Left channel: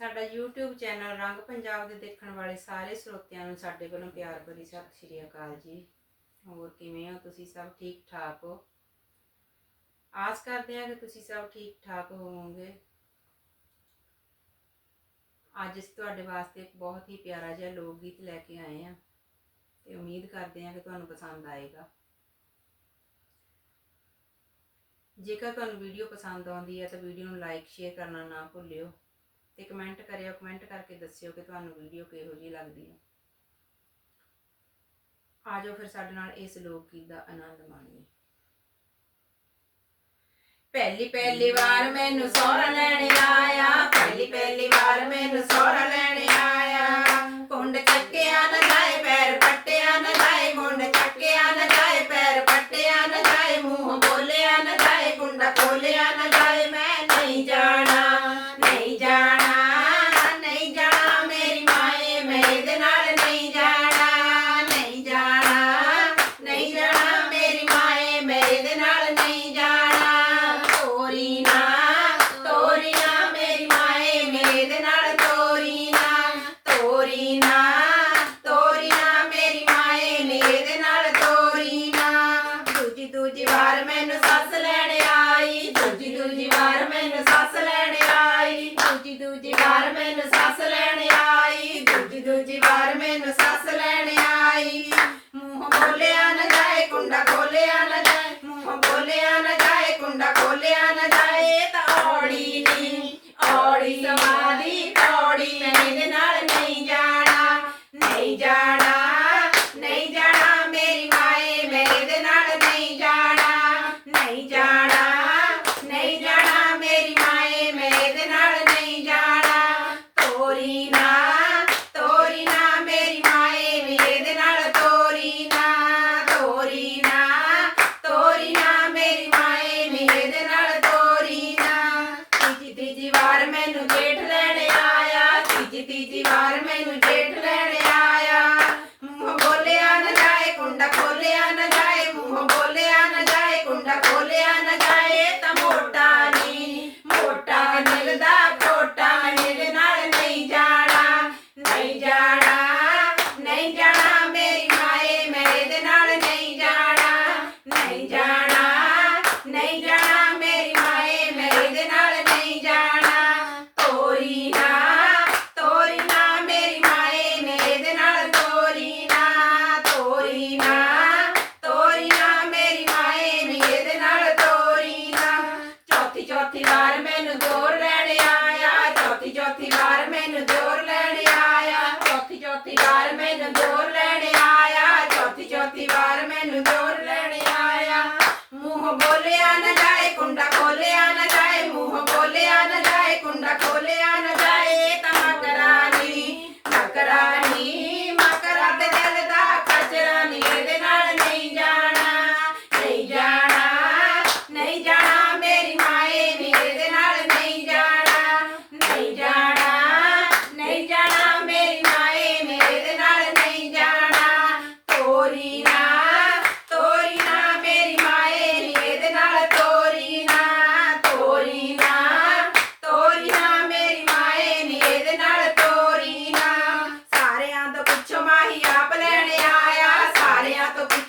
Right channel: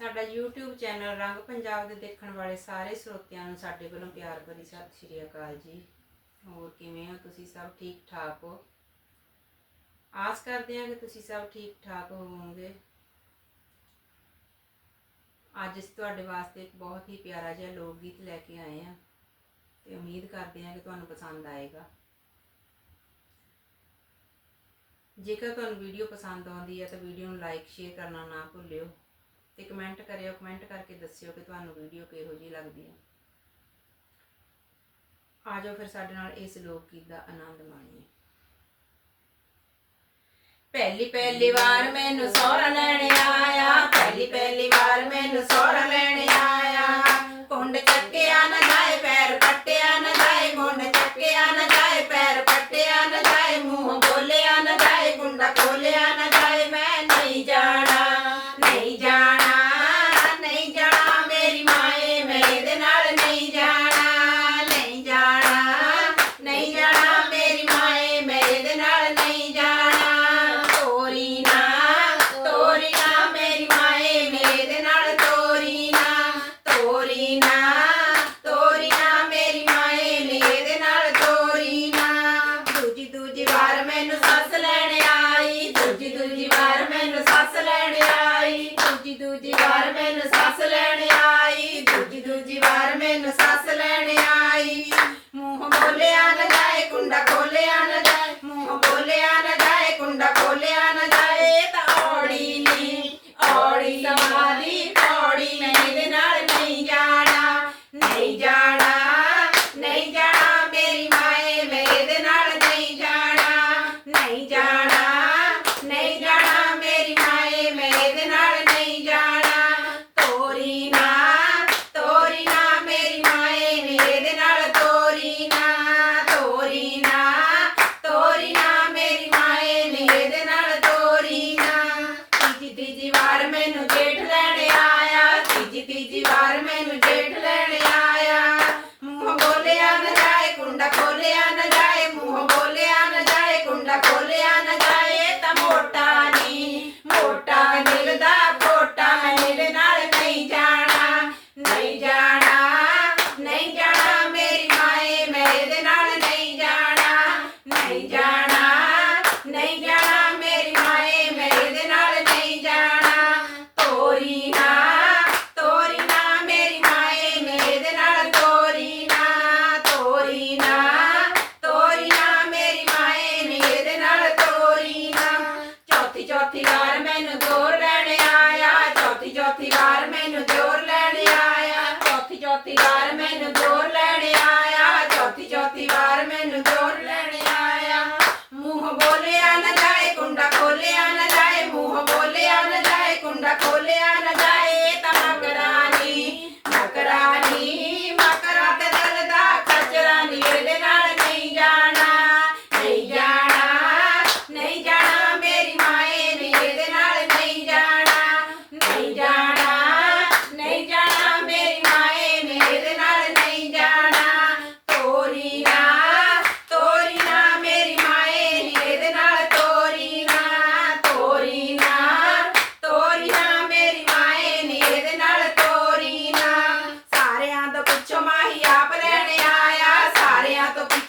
ਸਾਡਾ YouTube channel ਰੰਗ ਪੰਜਾਬ ਦੇ ਦੇਖਣ ਵਾਲੇ ਸਾਰੇ ਸਰੋਤਿਆਂ ਨੂੰ ਸਾਡੇ ਵੱਲੋਂ ਪਿਆਰ ਭਰੀ ਸਤਿ ਸ਼੍ਰੀ ਅਕਾਲ ਜੀ। ਹੋਰ ਕਿਵੇਂ ਹੋ ਤੁਸੀਂ ਸਭ ਠੀਕ ਠਾਕ ਹੋ? ਆਸ ਕਰਦੇ ਹਾਂ ਕਿ ਤੁਸੀਂ ਸਭ ਠੀਕ ਠਾਕ ਹੋਵੋਗੇ। ਅੱਜ ਅਸੀਂ ਤੁਹਾਡੇ ਵਾਸਤੇ ਇੱਕ ਬਹੁਤ ਹੀ ਪਿਆਰਾ ਜਿਹਾ ਲੋਕ ਗੀਤ ਲੈ ਕੇ ਆਏ ਹਾਂ ਤੇ ਉਮੀਦ ਕਰਦੇ ਹਾਂ ਕਿ ਤੁਹਾਨੂੰ ਪਸੰਦ ਆਏਗਾ। ਜੇਕਰ ਤੁਹਾਨੂੰ ਵੀਡੀਓ ਪਸੰਦ ਆਉਂਦੀ ਹੈ ਤਾਂ ਵੀਡੀਓ ਨੂੰ ਲਾਈਕ ਸ਼ੇਅਰ ਕਰਨਾ ਨਾ ਭੁੱਲਿਓ। ਤੇ ਕਮੈਂਟ ਕਰਿਓ ਕਮੈਂਟ ਕਰਕੇ ਦੱਸਿਓ ਕਿ ਤੁਹਾਨੂੰ ਵੀਡੀਓ ਕਿਹੋ ਜਿਹੀ ਲੱਗਦੀ ਹੈ ਆ ਜਾਓ ਫਿਰ ਸਾਡੇ ਨਾਲ ਇਸ ਲੋਕ ਗੀਤ ਦਾ ਆਨੰਦ ਮਾਣੀਏ। ਪਹਿਲੀ ਪਹਿਲੀ ਵਾਰ ਮੈਨੂੰ ਸੋਹਰਾ ਲੈਣ ਆਇਆ, ਪਹਿਲੀ ਪਹਿਲੀ ਵਾਰ ਮੈਨੂੰ ਸੋਹਰਾ ਲੈਣ ਆਇਆ। ਕੁੰਡ ਚੱਕਿਆ ਨਾ ਜਾਏ, ਪੈਰ ਪੱਟਿਆ ਨਾ ਜਾਏ, ਕੁੰਡ ਚੱਕਿਆ ਨਾ ਜਾਏ, ਪੈਰ ਪੱਟਿਆ ਨਾ ਜਾਏ, ਮੂੰਹ ਬੋਲਿਆ ਨਾ ਜਾਏ, ਕੁੰਡਾ ਖੋਲਿਆ ਨਾ ਵਾਰ ਮੈਨੂੰ ਸੱਸ ആകട്ടെ ਚੌਥੀ ਵਾਰ ਮੈਨੂੰ ਜ਼ੋਰ ਲੈਣ ਆਇਆ। ਚੌਥੀ ਚੌਥੀ ਵਾਰ ਮੈਨੂੰ ਜ਼ੋਰ ਲੈਣ ਆਇਆ। ਮੂੰਹ ਬੋਲਿਆ ਨਾ ਜਾਏ, ਕੁੰਡਾ ਖੋਲਿਆ ਨਾ ਜਾਏ, ਮੂੰਹ ਬੋਲਿਆ ਨਾ ਜਾਏ, ਕੁੰਡਾ ਖੋਲਿਆ ਨਾ up